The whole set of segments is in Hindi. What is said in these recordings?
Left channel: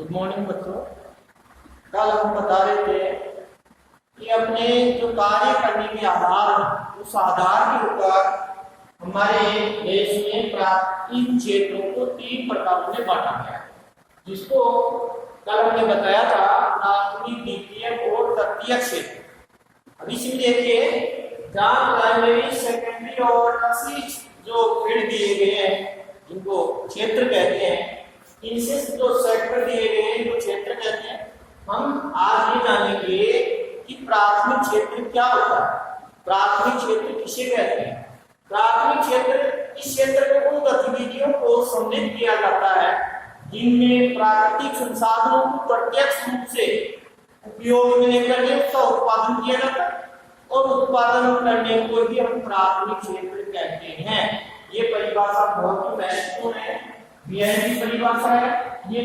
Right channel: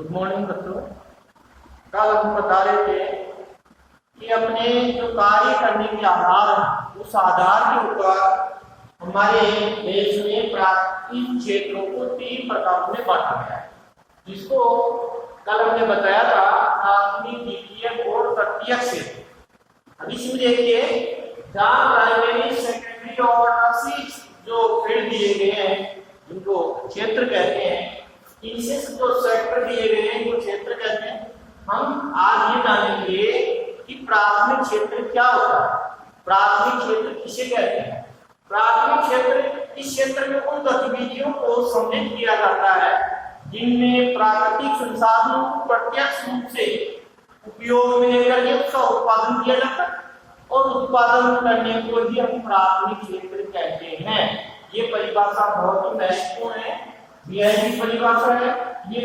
गुड मॉर्निंग बच्चों। कल हम बता रहे थे कि अपने जो कार्य करने के आधार, उस आधार के ऊपर हमारे देश में प्राकृतिक क्षेत्रों को 3 प्रकारों में बांटा गया है, जिसको कल हमने बताया था प्राथमिक, द्वितीयक और तृतीयक क्षेत्र। अब इसमें देखिए, जहाँ प्राइमरी, सेकेंडरी और टर्शियरी जो फील्ड दिए गए हैं, जिनको क्षेत्र कहते हैं, इनसे जो सेक्टर दिए गए हैं, जो क्षेत्र कहते हैं, हम आज ये जानेंगे कि प्राथमिक क्षेत्र क्या होता है, प्राथमिक क्षेत्र किसे कहते हैं। प्राथमिक क्षेत्र, इस क्षेत्र में उन गतिविधियों को सम्मिलित किया जाता है जिनमें प्राकृतिक संसाधनों को प्रत्यक्ष रूप से उपयोग में लेकर उसका उत्पादन किया जाता है, और उत्पादन करने को ही हम प्राथमिक क्षेत्र कहते हैं। ये परिभाषा बहुत ही महत्वपूर्ण है, की परिभाषा है। ये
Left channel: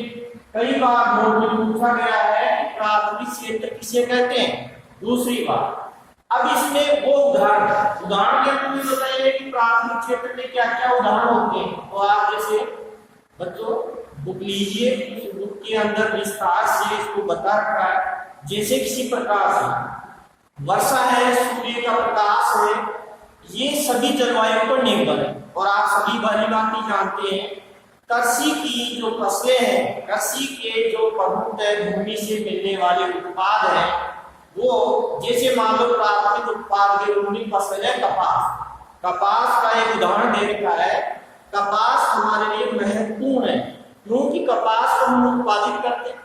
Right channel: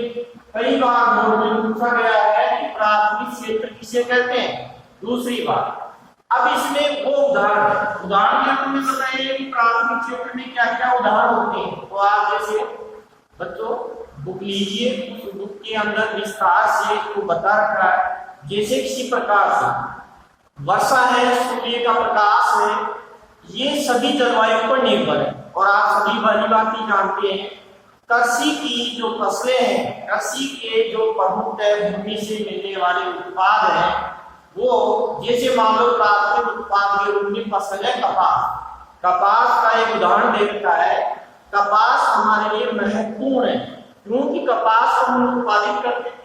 कई बार बोर्ड में पूछा गया है कि प्राथमिक क्षेत्र किसे कहते हैं। दूसरी बात, अब इसमें वो उदाहरण के रूप में बताइए कि प्राथमिक क्षेत्र में क्या क्या उदाहरण होते हैं। तो आप जैसे बच्चों बुक लीजिए, उस बुक के अंदर विस्तार से इसको बता रखा है। जैसे किसी प्रकार से वर्षा है, सूर्य का प्रकाश है, ये सभी जलवायु पर निर्भर है। और आप सभी भली बात ही जानते हैं, कृषि की जो फसलें हैं, कृषि के जो प्रमुख भूमि से मिलने वाले उत्पाद हैं, वो जैसे मान लो प्राथमिक उत्पाद के रूप में फसल है कपास। कपास का एक उदाहरण दे रखा है। कपास हमारे लिए महत्वपूर्ण है, क्योंकि कपास को हम उत्पादित करते हैं,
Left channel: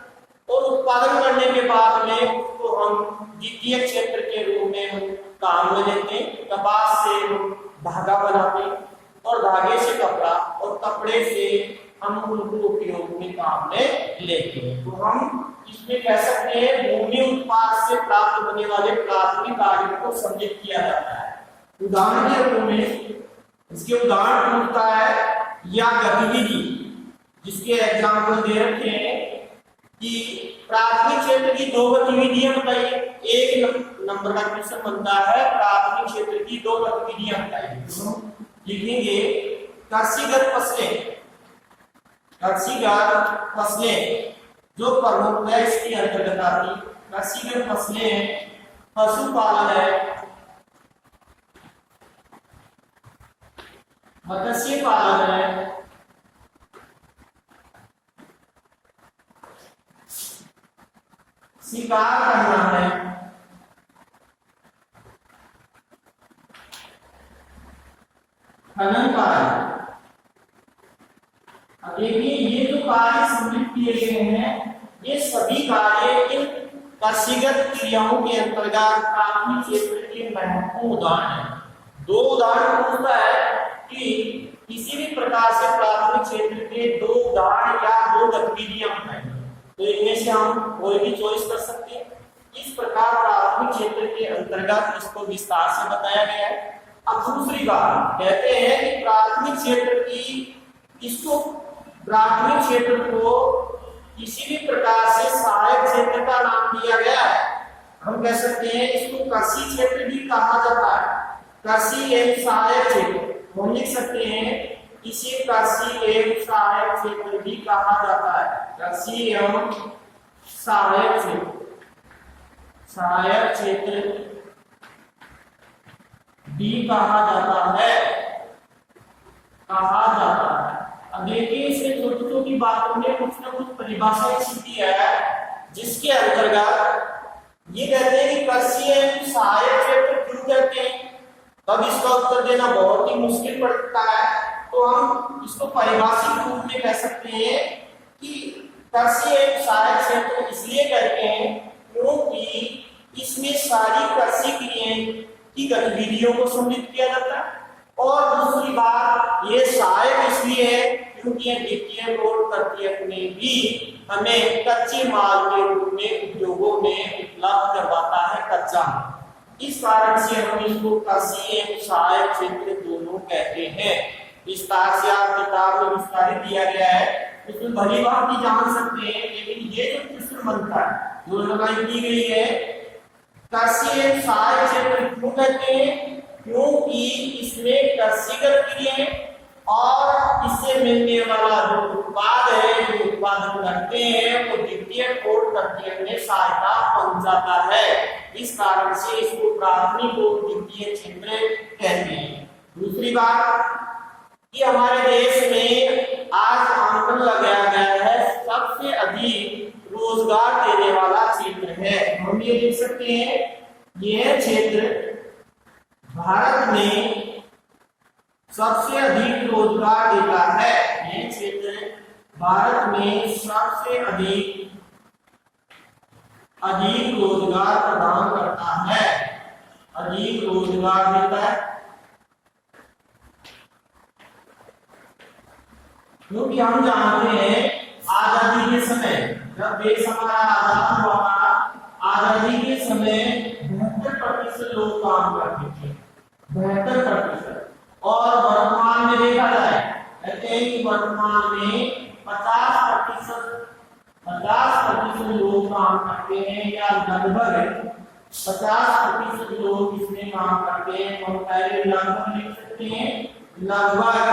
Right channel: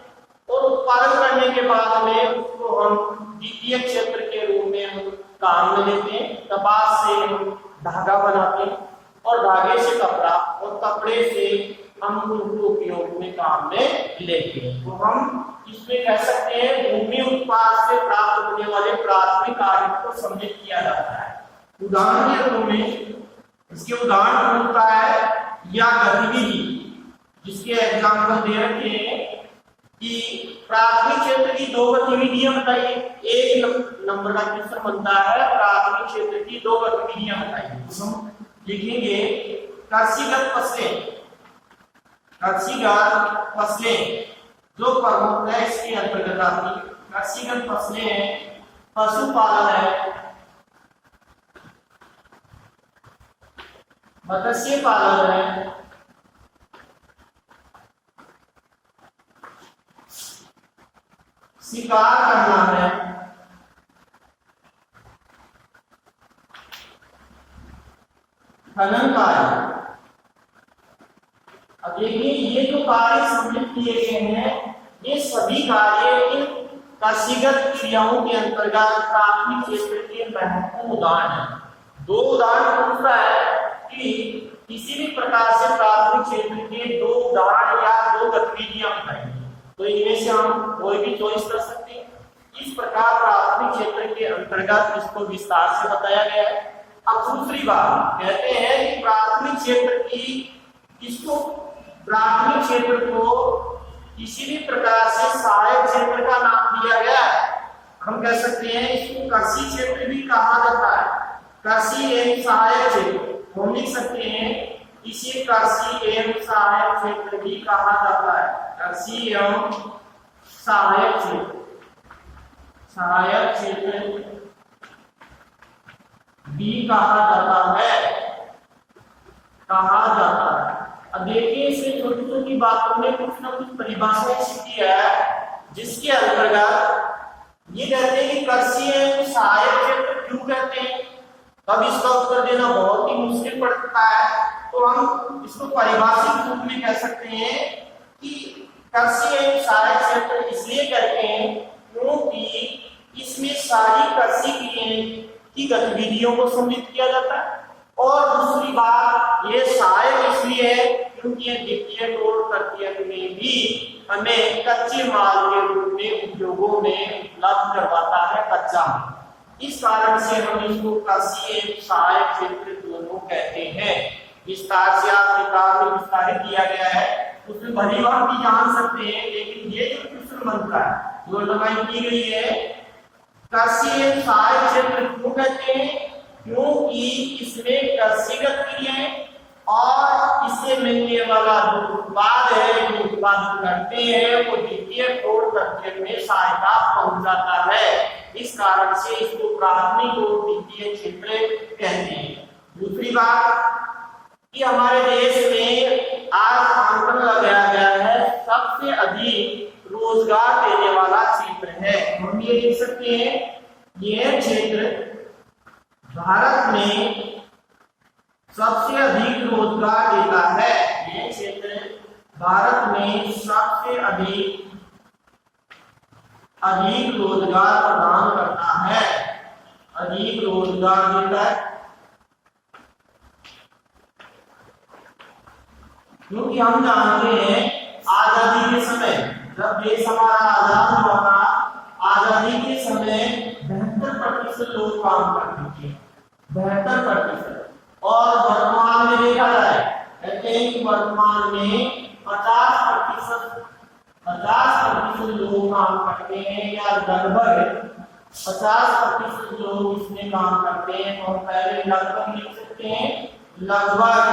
और उत्पादन करने के बाद में उसको हम द्वितीय क्षेत्र के रूप में हम काम में लेते हैं। कपास से हम धागा बनाते हैं, और धागे से कपड़ा, और कपड़े से हम उनको उपयोग में काम में लेते हैं। तो हम इसमें कह सकते हैं भूमि उत्पाद से प्राप्त होने वाले प्राथमिक कार्यों को सम्मिलित किया जाता है। उदाहरण के रूप में इसके उदाहरण होता है या गतिविधि, जिसके एग्जाम्पल दे रखे हैं कि प्राथमिक क्षेत्र की 2 गतिविधियां बताइए। एक नंबर का क्वेश्चन बनता है, प्राथमिक क्षेत्र की 2 गतिविधियां बताइए। तो हम लिखेंगे कृषिगत फसलें। कृषिगत फसलें जो प्रमुख है इसके अंतर्गत आती, कृषिगत फसलें हैं, पशुपालन है, मत्स्य पालन है, शिकार करना है, खनन कार्य। अब देखिए, ये जो कार्य सम्मिलित किए गए हैं, ये सभी कार्य कृषिगत क्रियाओं के अंतर्गत प्राथमिक क्षेत्र के महत्वपूर्ण उदाहरण हैं। 2 उदाहरण पूछता है कि किसी भी प्रकार से प्राथमिक क्षेत्र के 2 उदाहरण या 2 गतिविधियां बताइए। तो इनमें से हम कोई भी चॉइस कर सकते हैं। इस प्रकार प्राथमिक क्षेत्र के अंतर्गत इसको विस्तार से बताया गया है। अब दूसरी बात कहते हैं कि प्राथमिक क्षेत्र को किसी भी प्रकार से सहायक क्षेत्र का नाम दिया गया है। हम कह सकते हैं इसको कृषि क्षेत्र भी कहा जाता है, कृषि एवं सहायक क्षेत्र। हम लिख सकते हैं इसे कृषि एवं सहायक क्षेत्र भी कहा जाता है, कृषि एवं सहायक क्षेत्र भी कहा जाता है। अब देखिए, इसमें छोटी छोटी बातों में कुछ ना कुछ परिभाषाएं सीखी है, जिसके अंतर्गत ये कहते हैं कि कृषि एवं सहायक क्षेत्र क्यों कहते हैं। तब इसका उत्तर देना बहुत ही मुश्किल पड़ता है, तो हम इसको परिभाषित रूप में कह सकते हैं कि कृषि एवं सहायक क्षेत्र इसलिए कहते हैं क्योंकि इसमें सारी कृषि की गतिविधियों को सम्मिलित किया जाता है। और दूसरी बात, ये सहायक इसलिए है क्योंकि ये द्वितीयक और तृतीयक में भी हमें कच्चे माल के रूप में उद्योगों में उपलब्ध करवाता है कच्चा माल। इस कारण से हम इसको कृषि एवं सहायक क्षेत्र दोनों कहते हैं। विस्तार से आप किताब में विस्तारित किया गया है, उसमें भली बात भी जान सकते हैं। लेकिन ये जो प्रश्न बनता है, जो लगाई की गई है, कृषि एवं सहायक क्षेत्र क्यों कहते हैं, क्योंकि इसमें कृषिगत क्रियाएं और इससे मिलने वाला जो उत्पाद है, जो उत्पादन करते हैं, वो द्वितीयक और तृतीयक में सहायता पहुंचाता है। इस कारण से इसको प्राथमिक और द्वितीयक क्षेत्र कहते हैं। दूसरी बात कि हमारे देश में आज आंकड़न लगाया गया है सबसे अधिक रोजगार देने वाला क्षेत्र है। हम ये देख सकते हैं यह क्षेत्र भारत में सबसे अधिक रोजगार देता है। यह क्षेत्र भारत में सबसे अधिक रोजगार प्रदान करता है, अधिक रोजगार देता है। क्योंकि हम जानते हैं आजादी के समय, जब देश हमारा आजाद हुआ था, आजादी के समय 72% लोग काम करते थे, 72%। और वर्तमान में देखा जाए, कहते हैं कि वर्तमान में 50% लोग काम करते हैं, या लगभग 50% लोग इसमें काम करते हैं। तो हम पहले लगभग लिख सकते हैं, लगभग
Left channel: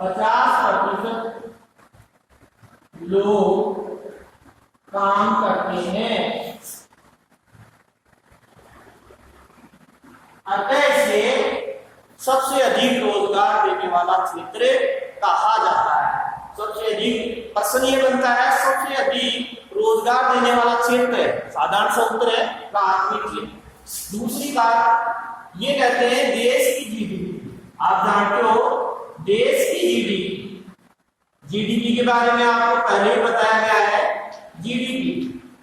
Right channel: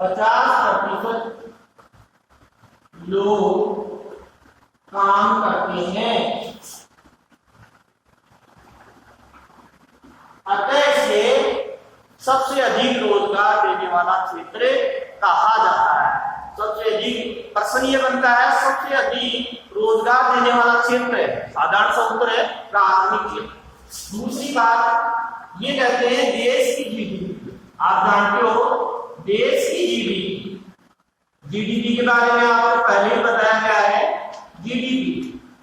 50% लोग काम करते हैं। अतः से सबसे अधिक रोजगार देने वाला क्षेत्र कहा जाता है। सबसे अधिक प्रश्न ये बनता है, सबसे अधिक रोजगार देने वाला क्षेत्र है, साधारण सा उत्तर है प्राथमिक क्षेत्र। दूसरी बात ये कहते हैं देश की जीडीपी। आप जानते हो देश की जीडीपी के बारे में आपको पहले ही बताया गया है। जीडीपी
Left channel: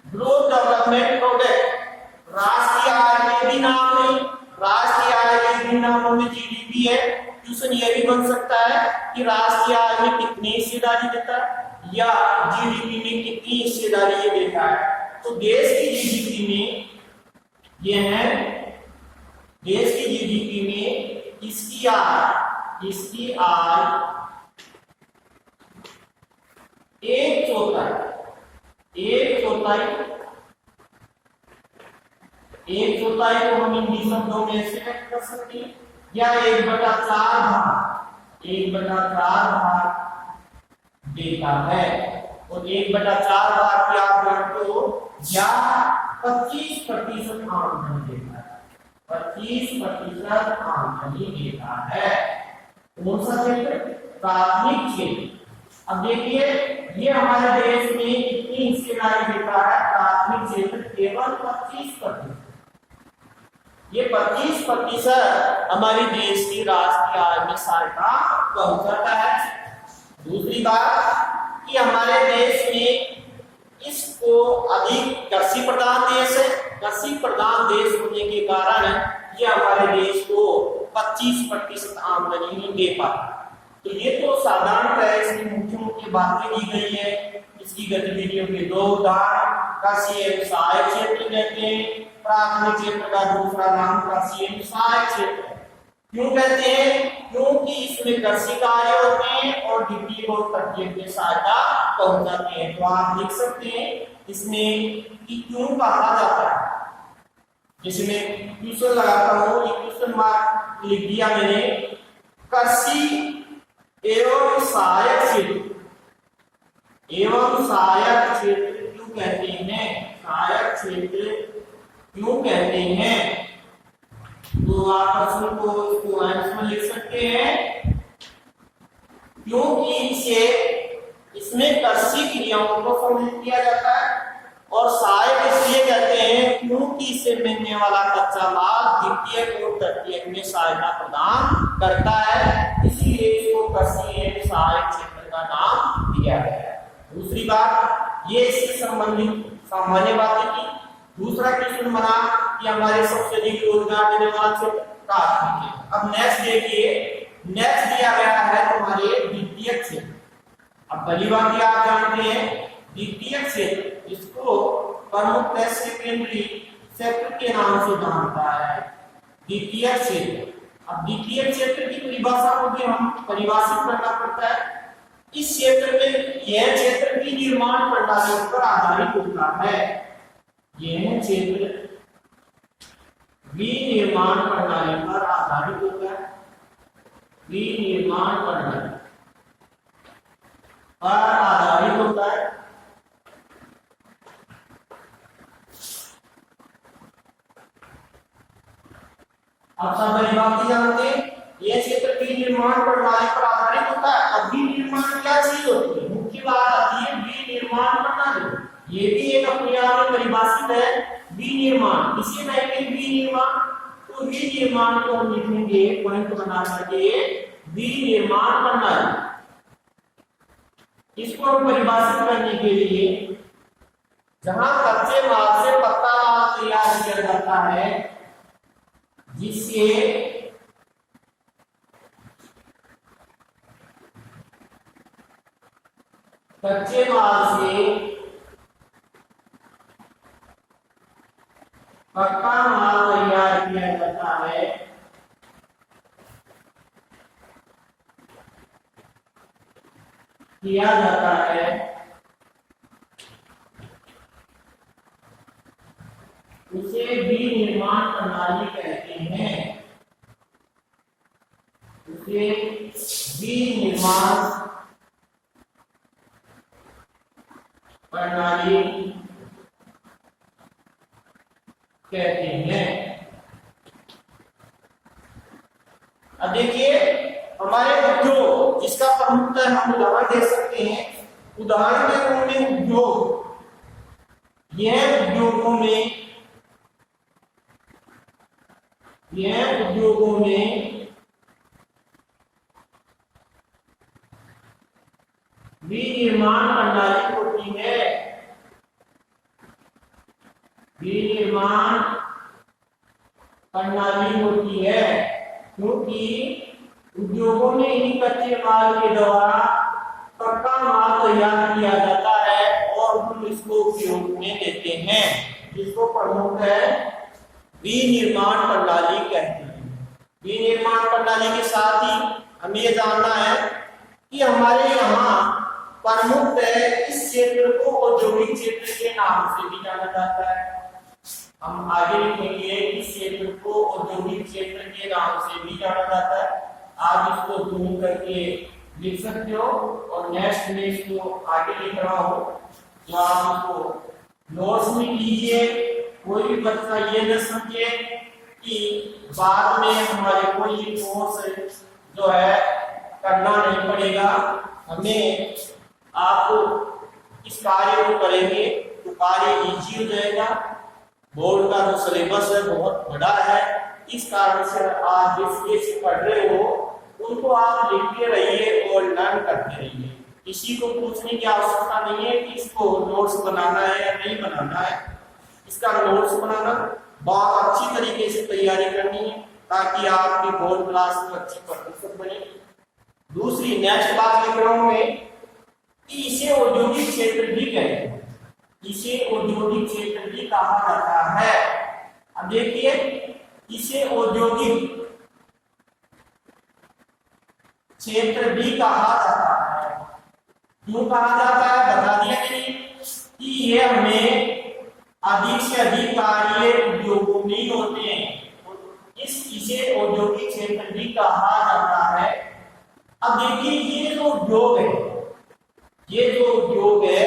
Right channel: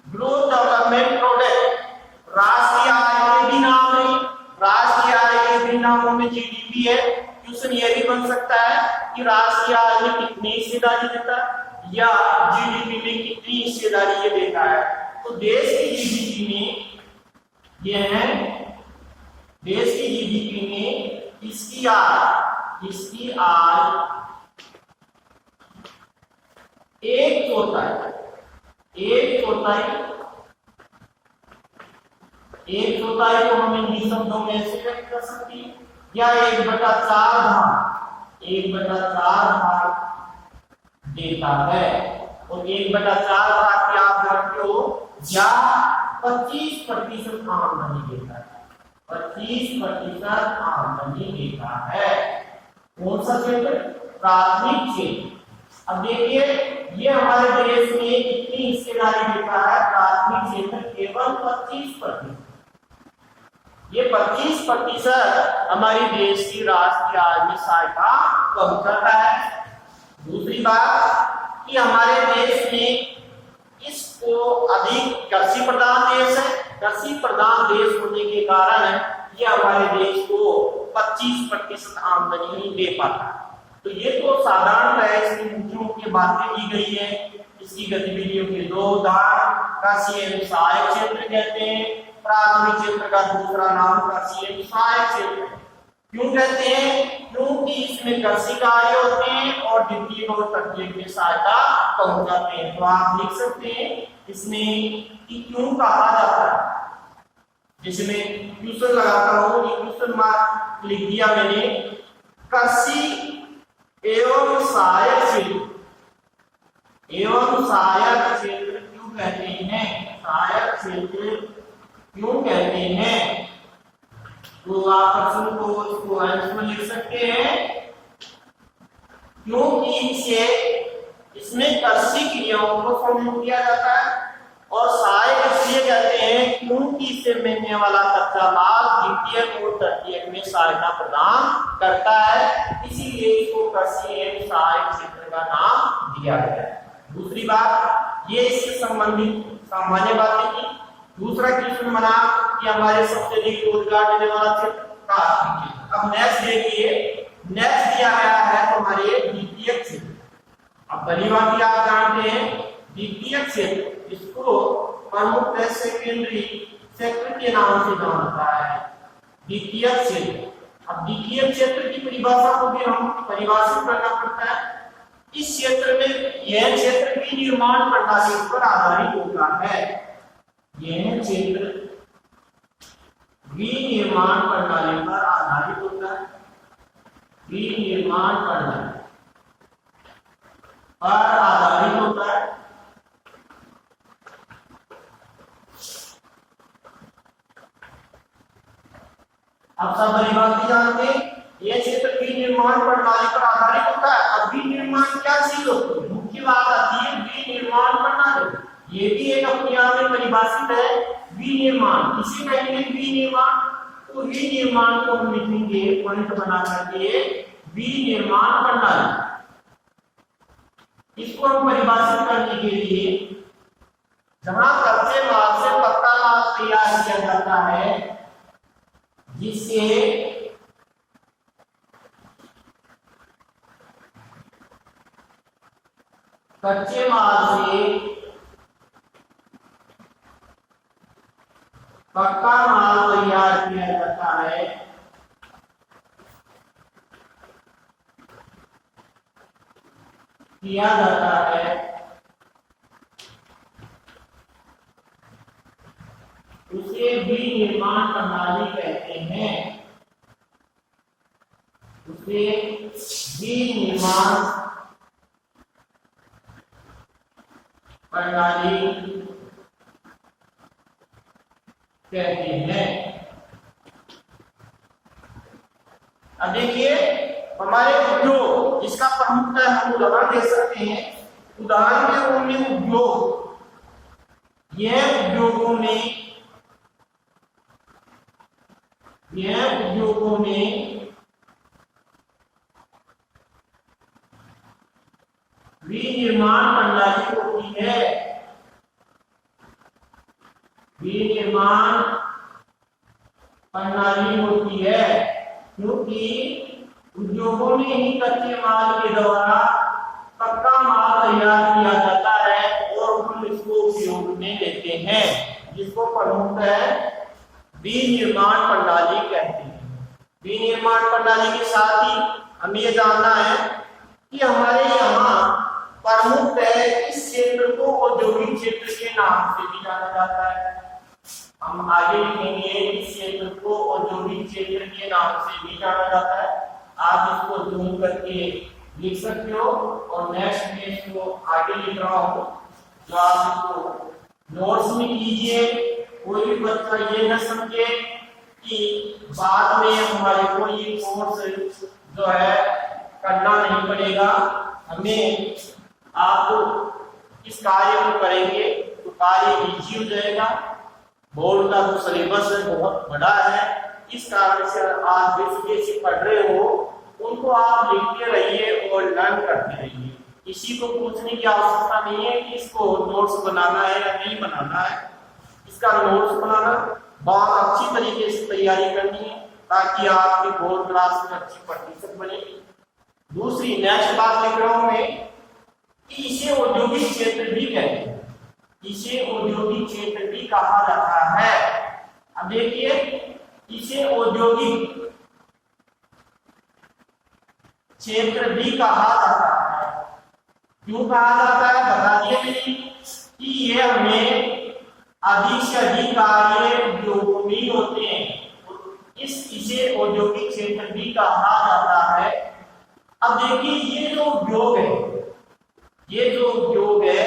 ग्रोथ डेवलपमेंट प्रोडक्ट, राष्ट्रीय आय के भी नाम नहीं, राष्ट्रीय आय के भी नामों में जीडीपी है। क्वेश्चन ये भी बन सकता है कि राष्ट्रीय आय में कितनी हिस्सेदारी देता है, या जीडीपी में कितनी हिस्सेदारी ये देता है। तो देश की जीडीपी में ये है, देश की जीडीपी में इसकी आय एक चौथाई को हम हिंदी शब्दों में ऐसे व्यक्त कर सकते हैं, या 1/4 भाग देता है। और 1/4 भाग की आप जानते हो, या 25% आमदनी देता है, 25% आमदनी देता है। कौन सा क्षेत्र? प्राथमिक क्षेत्र। अब देखिए ये हमारे देश में कितनी हिस्सेदारी देता है प्राथमिक क्षेत्र? केवल 25%। ये 25% हमारी देश की राष्ट्रीय आय में सहायता पहुंचाता है। दूसरी बात कि हमारे देश में इसको अधिक कृषि प्रधान देश है। कृषि प्रधान देश होने के कारण ये हमारे देश को 25% आमदनी नहीं दे पाता। तो ये तो साधारणतः इसमें मुख्य मुख्य बातें दी गई है। इसकी गतिविधियों के दो उदाहरण कृषि एवं सहायक क्षेत्र कहते हैं। प्राथमिक क्षेत्र का दूसरा नाम कृषि एवं सहायक क्षेत्र है। क्यों कहते हैं? क्योंकि इसमें कृषि कार्य होते हैं और द्वितीय और तृतीय में सहायता पहुंचाते हैं। तो आप लिख सकते हैं इसमें कि क्यों कहा जाता है। जैसे मैं क्वेश्चन लगाता हूँ, ये क्वेश्चन मार्क लिख दिया मैंने, कृषि एवं सहायक क्षेत्र क्यों कहते हैं? सहायक क्षेत्र क्यों कहते हैं? तो आप प्रश्न को इसको आंसर में लिख सकते हैं, क्योंकि इसमें कृषि क्रियाओं को सम्मिलित किया जाता है। और सहायक इसलिए कहते हैं क्योंकि इससे मिलने वाला कच्चा माल द्वितीयक और तृतीयक में सहायता प्रदान करता है, इसीलिए इसको कृषि एवं सहायक क्षेत्र का नाम दिया गया है। दूसरी बात, ये इससे संबंधित सामान्य बातें थी। दूसरा क्वेश्चन बना कि हमारे सबसे अधिक रोजगार देने वाला क्षेत्र प्राथमिक क्षेत्र। अब नेक्स्ट देखिए, नेक्स्ट दिया गया है तुम्हारे द्वितीयक क्षेत्र। अब पहली बात आप जानते हैं द्वितीयक क्षेत्र, इसको प्रमुखतः सेकेंडरी सेक्टर के नाम से जानता है द्वितीयक क्षेत्र। अब द्वितीयक क्षेत्र की परिभाषा को भी हम परिभाषित करना पड़ता है। इस क्षेत्र में यह क्षेत्र भी निर्माण प्रणाली पर आधारित होता है। यह क्षेत्र भी निर्माण प्रणाली पर आधारित होता है। विनिर्माण प्रणाली पर आधारित होता है। अब सब बड़ी बात जानते हैं, यह क्षेत्र विनिर्माण प्रणाली पर आधारित होता है। अब विनिर्माण क्या चीज होती है? मुख्य बात आती है विनिर्माण प्रणाली। ये भी एक अपने आप में परिभाषित है विनिर्माण। इसे कहते हैं विनिर्माण। तो विनिर्माण को हम लिखेंगे पॉइंट बना करके विनिर्माण प्रणाली। इसको हम परिभाषित करने के लिए जहां कच्चे माल से पक्का माल तैयार किया जाता है, जिससे कच्चे माल से पक्का माल तैयार किया जाता है, उसे विनिर्माण प्रणाली कहते हैं। उसे विनिर्माण प्रणाली कहते हैं। अब देखिए हमारे उद्योग जिसका प्रमुख हम उदाहरण दे सकते हैं। उदाहरण के रूप में उद्योग, यह उद्योगों में विनिर्माण प्रणाली होती है। विनिर्माण प्रणाली होती है क्योंकि उद्योगों में ही कच्चे माल के द्वारा पक्का माल तैयार किया जाता है और हम इसको उपयोग में लेते हैं, जिसको प्रमुख है विनिर्माण प्रणाली कहते हैं। विनिर्माण प्रणाली के साथ ही हमें यह जानना है कि हमारे यहाँ प्रमुख है इस क्षेत्र को औद्योगिक क्षेत्र के नाम से भी जाना जाता है। हम आगे लिखेंगे इस क्षेत्र को औद्योगिक क्षेत्र के नाम से भी जाना जाता है। आप इसको जूम करके लिख सकते हो और नेक्स्ट में इसको आगे लिख रहा हूं, जो आप इसको नोट्स में कीजिए। कोई भी बच्चा ये न समझे कि बाद में हमारे को ये कोर्स जो है करना नहीं पड़ेगा। हमें आपको इस कार्य को करेंगे तो कार्य इजी हो जाएगा। बोर्ड का जो सिलेबस है बहुत बड़ा है, इस कारण से आप जैसे पढ़ रहे हो उनको आप लिखते रहिए और लर्न करते रहिए। किसी को पूछने की आवश्यकता नहीं है कि इसको नोट्स बनाना है या नहीं बनाना है। इसका नोट्स बनाना बहुत अच्छी तरीके से तैयारी करनी है ताकि आपकी बोर्ड क्लास में अच्छी प्रतिशत बने। दूसरी नेक्स्ट बात लिख रहा हूं मैं कि इसे औद्योगिक क्षेत्र भी कहते हैं। इसे औद्योगिक क्षेत्र भी कहा जाता है। अब देखिए इसे औद्योगिक क्षेत्र भी कहा जाता है। क्यों कहा जाता है बता दिए कि ये हमें अधिक से अधिक कार्य उद्योगों में ही होते हैं। इसे औद्योगिक क्षेत्र भी कहा जाता है। अब देखिए ये जो उद्योग है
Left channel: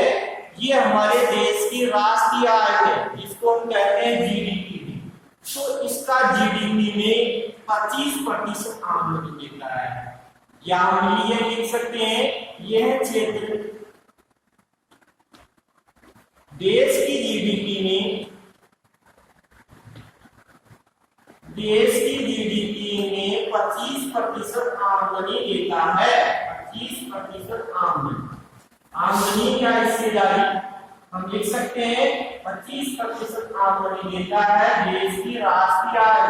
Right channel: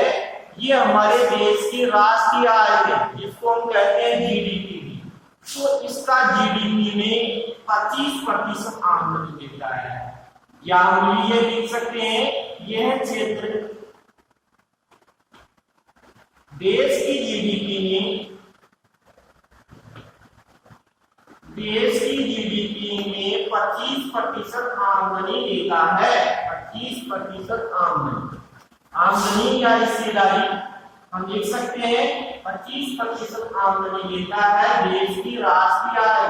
ये हमारे देश की राष्ट्रीय आय है, जिसको हम कहते हैं जीडीपी। तो इसका जीडीपी में 25% आमदनी देता है। या हम ये लिख सकते हैं यह क्षेत्र देश की जीडीपी में 25% आमदनी देता है। 25% आमदनी या हिस्सेदारी हम लिख सकते हैं 25% आमदनी देता है देश की राष्ट्रीय आय।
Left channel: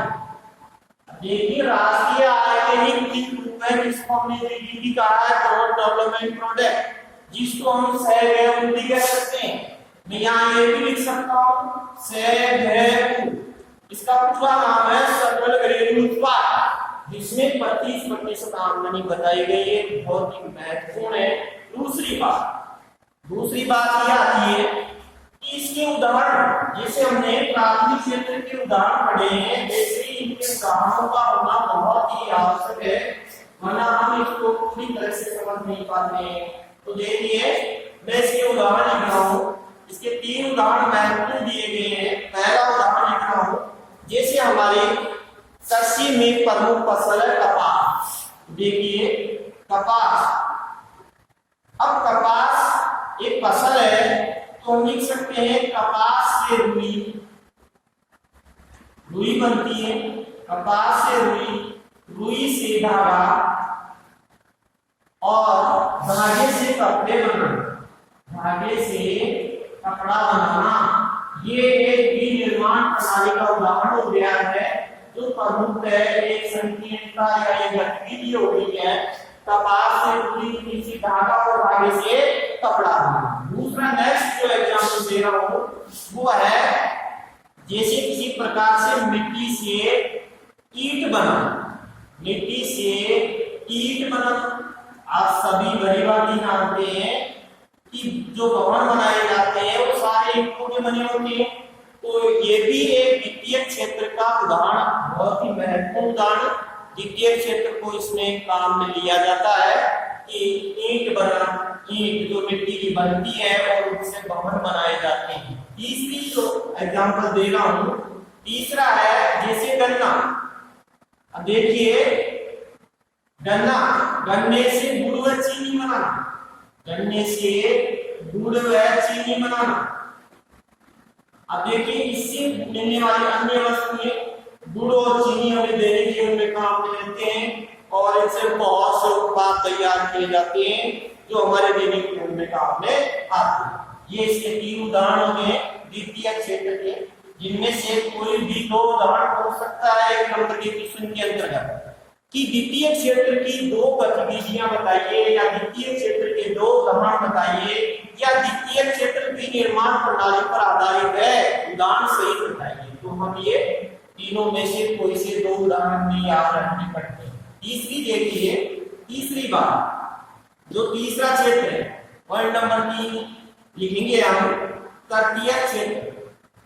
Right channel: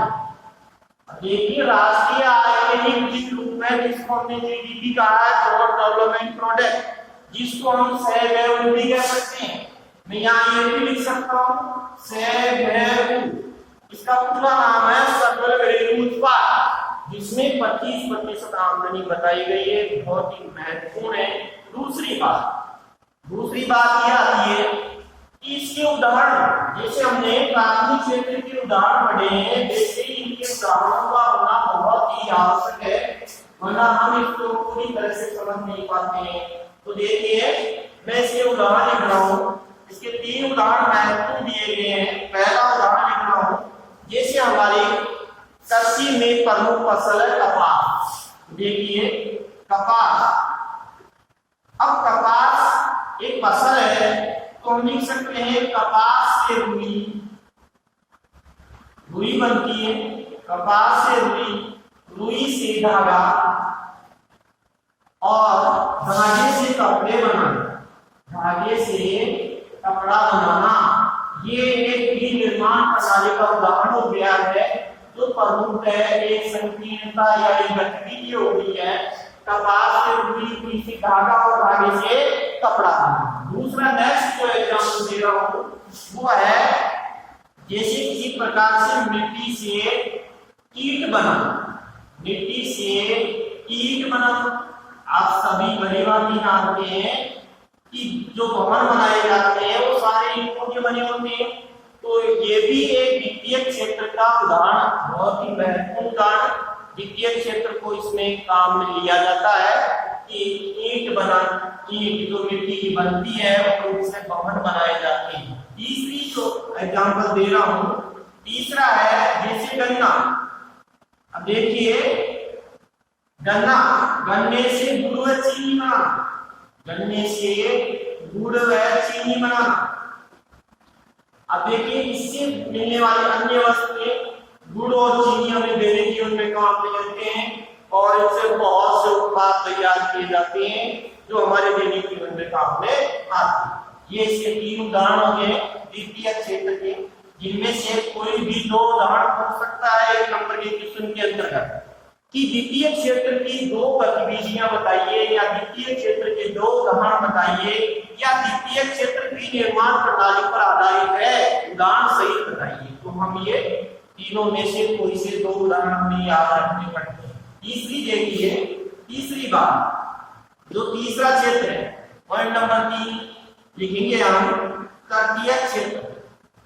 देखिए राष्ट्रीय आय के ही तीन रूप है, जिसको हमने जीडीपी कहा है, ग्रोथ डेवलपमेंट प्रोडक्ट, जिसको हम सहव्यय भी कह सकते हैं। मैं यहाँ ये भी लिख सकता हूँ सहव्यय। इसका पूरा नाम है सकल घरेलू उत्पाद, जिसमें 25% आमदनी बताई गई है। बहुत ही महत्वपूर्ण है। दूसरी बात यह आती है कि इसके उदाहरण, जैसे हमने प्राथमिक क्षेत्र के उदाहरण पढ़े हैं, जैसे इनके उदाहरणों का होना बहुत ही आवश्यक है। वरना हम इसको पूरी तरह से समझ नहीं पाते हैं। तो देखिए मैं इसके उदाहरण लिख रहा हूँ। इसके 3 उदाहरण महत्वपूर्ण दिए गए हैं। पहला उदाहरण लिख रहा हूँ, जैसे हमारे कृषि में प्रमुख फसल है कपास। देखिए कपास, अब कपास एक फसल है तो हम लिख सकते हैं कपास से रुई, रुई बनती है, कपास से रुई, रुई से धागा और धागे से कपड़े बनाना, धागे से कपड़ा बनाना। ये एक विनिर्माण प्रणाली का उदाहरण हो गया है जो प्रमुख है, एक संकीर्णता या एक गतिविधि हो गई है। कपास से रुई, रुई से धागा और धागे से कपड़ा बनाना। दूसरा नेक्स्ट जो एग्जाम्पल दे रहा हूं वो है जैसे किसी प्रकार से मिट्टी से ईंट बनाना, मिट्टी से ईंट बनाना। आप सभी भली भांति जानते हैं कि जो भवन बनाए जाते हैं वो सारे ईंटों के बने होते हैं। तो ये भी एक वित्तीय क्षेत्र का उदाहरण, बहुत ही महत्वपूर्ण उदाहरण। वित्तीय क्षेत्र को इसमें काम में लिया जाता है कि ईंट बना, ईंट जो मिट्टी की बनती है और उससे भवन बनाए जाते हैं। तीसरी जो एग्जाम्पल दे रहा हूं, तीसरा है जैसे गन्ना। अब देखिए गन्ना, गन्ने से गुड़ व चीनी बनाना, गन्ने से गुड़ व चीनी बनाना। अब देखिए इससे मिलने वाली अन्य वस्तुएं गुड़ और चीनी हमें दैनिक जीवन में काम में लेते हैं और इनसे बहुत से उत्पाद तैयार किए जाते हैं जो हमारे दैनिक जीवन में काम में आते हैं। ये इसके 3 उदाहरण हो गए वित्तीय क्षेत्र के, जिनमें से कोई भी 2 उदाहरण हो सकता है 1 नंबर के क्वेश्चन के अंतर्गत कि वित्तीय क्षेत्र की 2 गतिविधियां बताइए या वित्तीय क्षेत्र के 2 उदाहरण बताइए या वित्तीय क्षेत्र की निर्माण प्रणाली पर आधारित है, उदाहरण सहित बताइए। तो हम ये तीनों में से कोई से 2 उदाहरण हमें याद रखने पड़ते हैं। तीसरी देखिए, तीसरी बात जो तीसरा क्षेत्र है पॉइंट नंबर 3 लिखेंगे हम तटीय क्षेत्र।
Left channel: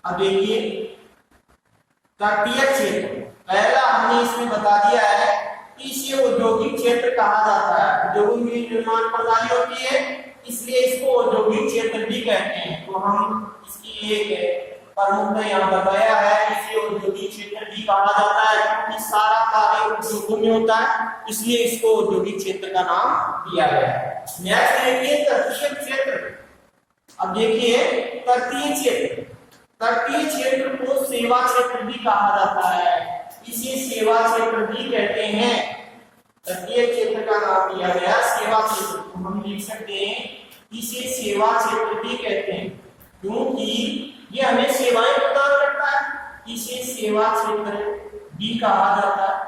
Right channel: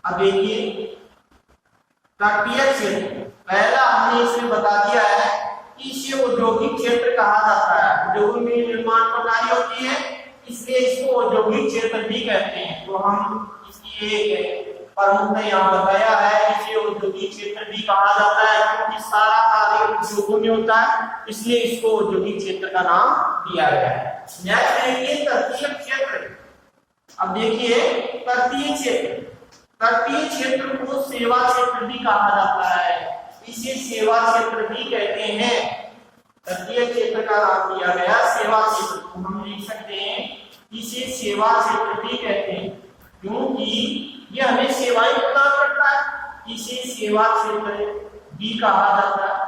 अब देखिए तटीय क्षेत्र, पहला हमने इसमें बता दिया है कि इसे औद्योगिक क्षेत्र कहा जाता है। उद्योगों में निर्माण प्रणाली होती है इसलिए इसको औद्योगिक क्षेत्र भी कहते हैं। तो हम इसकी एक प्रमुख ने यहाँ बताया है, इसे औद्योगिक क्षेत्र भी कहा जाता है क्योंकि सारा कार्य उद्योगों में होता है, इसलिए इसको औद्योगिक क्षेत्र का नाम दिया गया है। नेक्स्ट देखिए तटीय क्षेत्र। अब देखिए तटीय क्षेत्र, तटीय क्षेत्र को सेवा क्षेत्र भी कहा जाता है, इसे सेवा क्षेत्र भी कहते हैं। तटीय क्षेत्र का नाम दिया गया सेवा क्षेत्र, तो हम लिख सकते हैं इसे सेवा क्षेत्र भी कहते हैं क्योंकि यह हमें सेवाएं प्रदान करता है, इसे सेवा क्षेत्र भी कहा जाता है।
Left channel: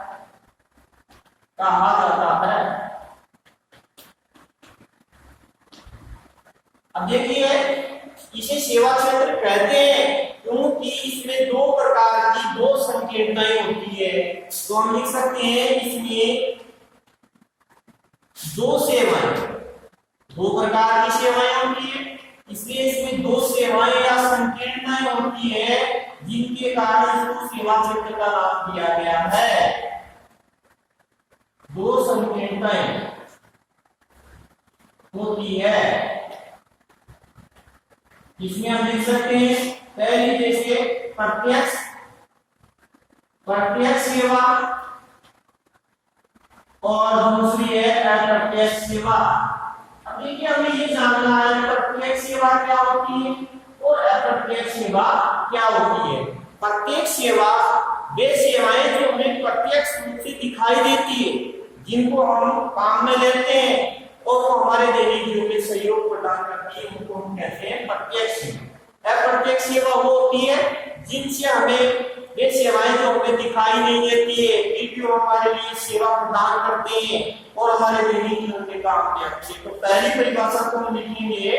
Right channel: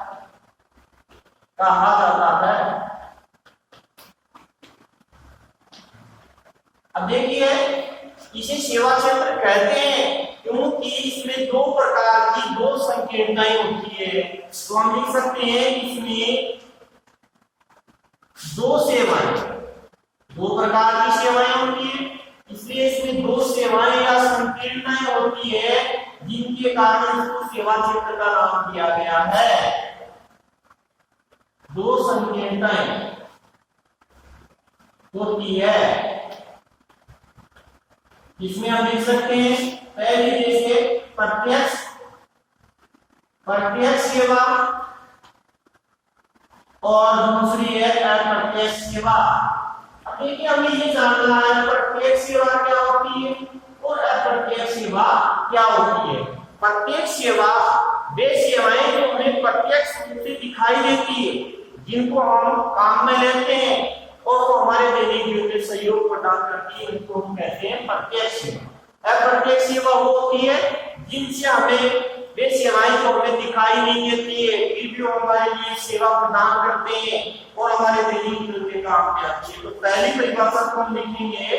अब देखिए इसे सेवा क्षेत्र कहते हैं क्योंकि इसमें 2 प्रकार की 2 संकीर्णताएं होती है। तो हम लिख सकते हैं इसमें 2 सेवाएं, 2 प्रकार की सेवाएं होती है, इसलिए इसमें 2 सेवाएं या संकीर्णताएं होती है जिनके कारण इसको सेवा क्षेत्र का नाम दिया गया है। 2 संकीर्णताएं होती है जिसमें हम लिख सकते हैं पहली जैसे प्रत्यक्ष सेवा और दूसरी है अप्रत्यक्ष सेवा। अब देखिए हमें ये जानना है प्रत्यक्ष सेवा क्या होती है और अप्रत्यक्ष सेवा क्या होती है। प्रत्यक्ष सेवा वे सेवाएं जो हमें प्रत्यक्ष रूप से दिखाई देती है, जिनको हम काम में लेते हैं और वो हमारे दैनिक जीवन में सहयोग प्रदान करती है, उनको हम कहते हैं प्रत्यक्ष सेवा। अप्रत्यक्ष सेवा वो होती है जिनसे हमें वे सेवाएं जो हमें दिखाई नहीं देती है फिर भी वो हमारे लिए सेवा प्रदान करते हैं और हमारे दैनिक जीवन में काम में आती है। तो पहली परिभाषा को हम लिखेंगे,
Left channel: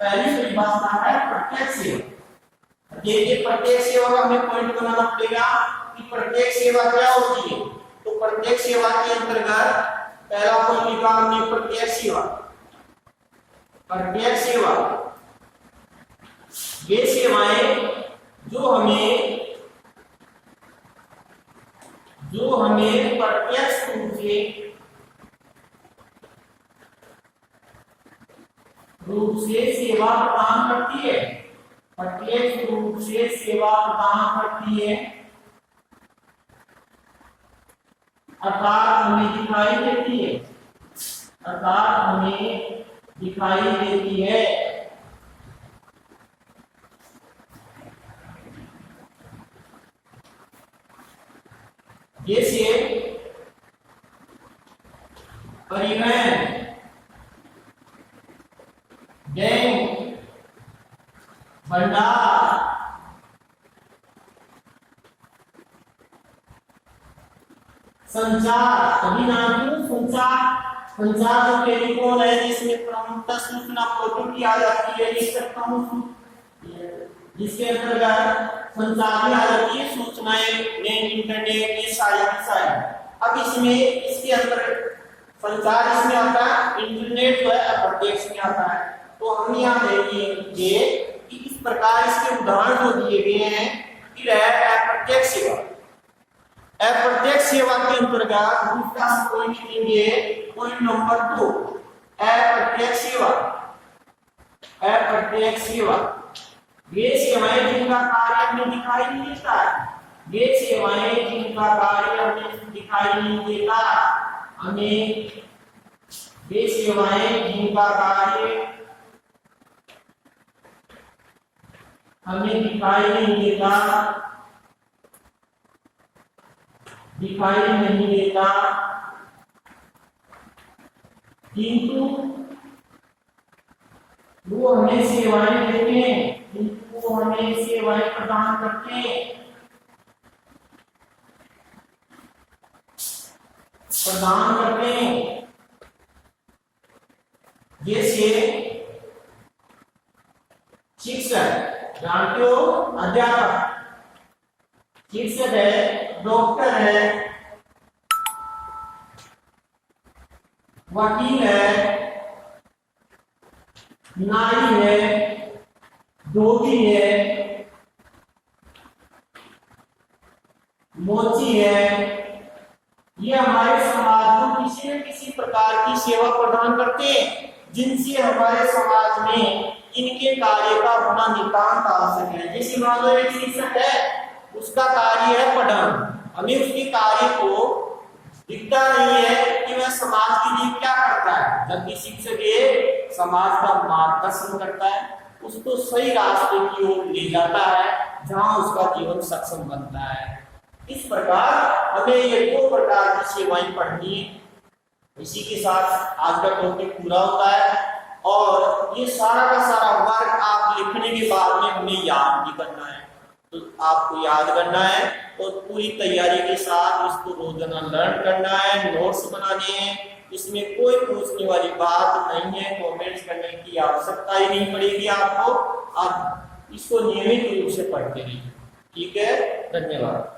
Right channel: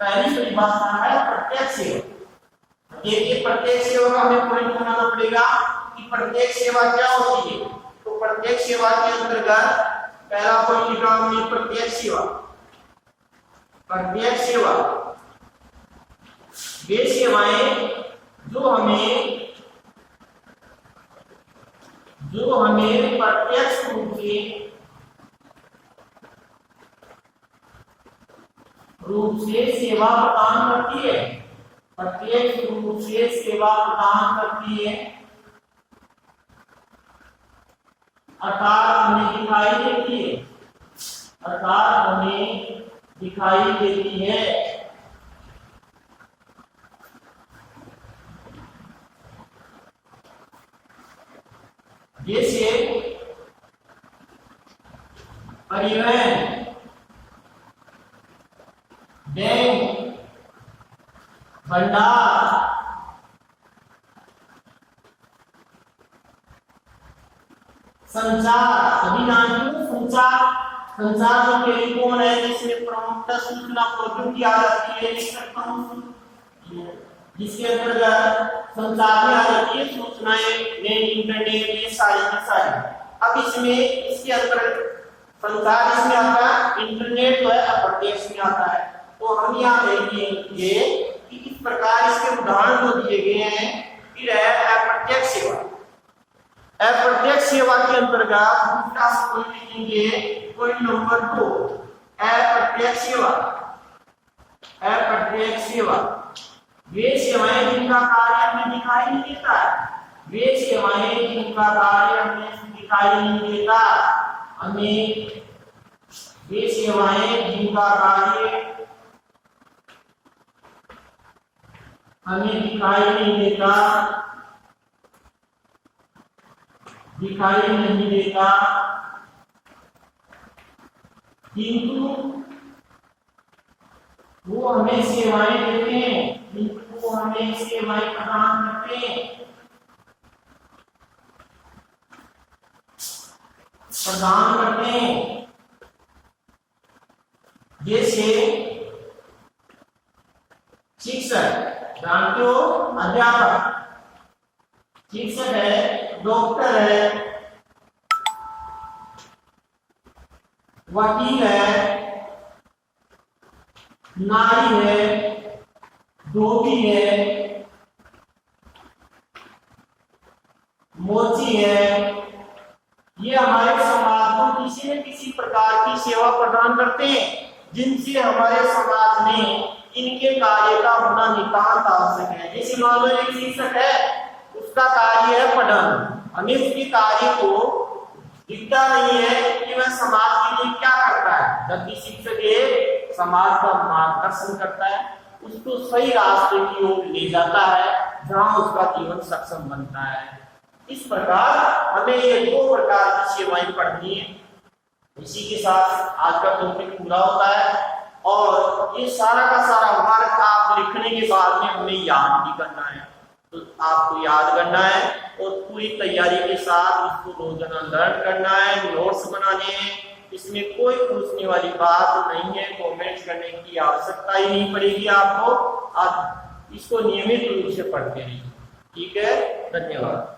पहली परिभाषा है प्रत्यक्ष सेवा। देखिए प्रत्यक्ष सेवा का हमें पॉइंट बनाना पड़ेगा कि प्रत्यक्ष सेवा क्या होती है। तो प्रत्यक्ष सेवा के अंतर्गत पहला पॉइंट लिखा हमने प्रत्यक्ष सेवा। प्रत्यक्ष सेवा वे सेवाएं जो हमें प्रत्यक्ष रूप से रूप से सेवा प्रदान करती है, प्रत्यक्ष रूप से सेवा प्रदान करती है, अर्थात हमें दिखाई देती है, अर्थात हमें दिखाई देती है। जैसे परिवहन, बैंक, भंडार, संचार, सभी जानते हो संचार। संचार जो टेलीफोन है जिसमें प्रमुखतः सूचना प्रौद्योगिकी आ जाती है, जिसके अंतर्गत संचार में आ जाती है सूचनाएं, नेट, इंटरनेट, ये सारी की सारी। अब इसमें इसके अंदर संचार इसमें आता है, इंटरनेट जो है अप्रत्यक्ष में आता है। तो हम यहाँ देखेंगे कि इस प्रकार इसके उदाहरण जो दिए गए हैं। फिर है अप्रत्यक्ष सेवा। अप्रत्यक्ष सेवा के अंतर्गत दूसरा कोई लिखेंगे, पॉइंट नंबर 2, अप्रत्यक्ष सेवा। अप्रत्यक्ष सेवा वे सेवाएं जिनका कार्य हमें दिखाई नहीं देता है, वे सेवाएं जिनका कार्य हमें दिखाई नहीं देता, हमें वे सेवाएं जिनका कार्य हमें दिखाई नहीं देता, दिखाई नहीं देता, किंतु वो हमें सेवाएं देते हैं, किंतु वो हमें सेवाएं प्रदान करते हैं, प्रदान करते हैं। जैसे शिक्षक, जानते हो अध्यापक, शिक्षक है, डॉक्टर है, वकील है, नाई है, धोबी है, मोची है, ये हमारे समाज को किसी न किसी प्रकार की सेवा प्रदान करते हैं, जिनसे हमारे समाज में इनके कार्य का होना नितांत आवश्यक है। जैसे मान लो एक शिक्षक है, उसका कार्य है पढ़ाना, हमें उसके कार्य को दिखता नहीं है कि वह समाज के लिए क्या करता है। जबकि शिक्षक ये समाज का मार्गदर्शन करता है, उसको सही रास्ते की ओर ले जाता है, जहां उसका जीवन सक्षम बनता है। इस प्रकार हमें ये 2 प्रकार की सेवाएं पढ़नी है। इसी के साथ आज का टॉपिक पूरा होता है, और ये सारा का सारा वर्क आप लिखने के बाद में हमें याद भी करना है। तो आपको याद करना है और पूरी तैयारी के साथ इसको रोजाना लर्न करना है, नोट्स बनाने हैं। इसमें कोई पूछने वाली बात नहीं है, कमेंट्स करने की आवश्यकता ही नहीं पड़ेगी आपको। आप इसको नियमित रूप से पढ़ते रहिए। ठीक है, धन्यवाद।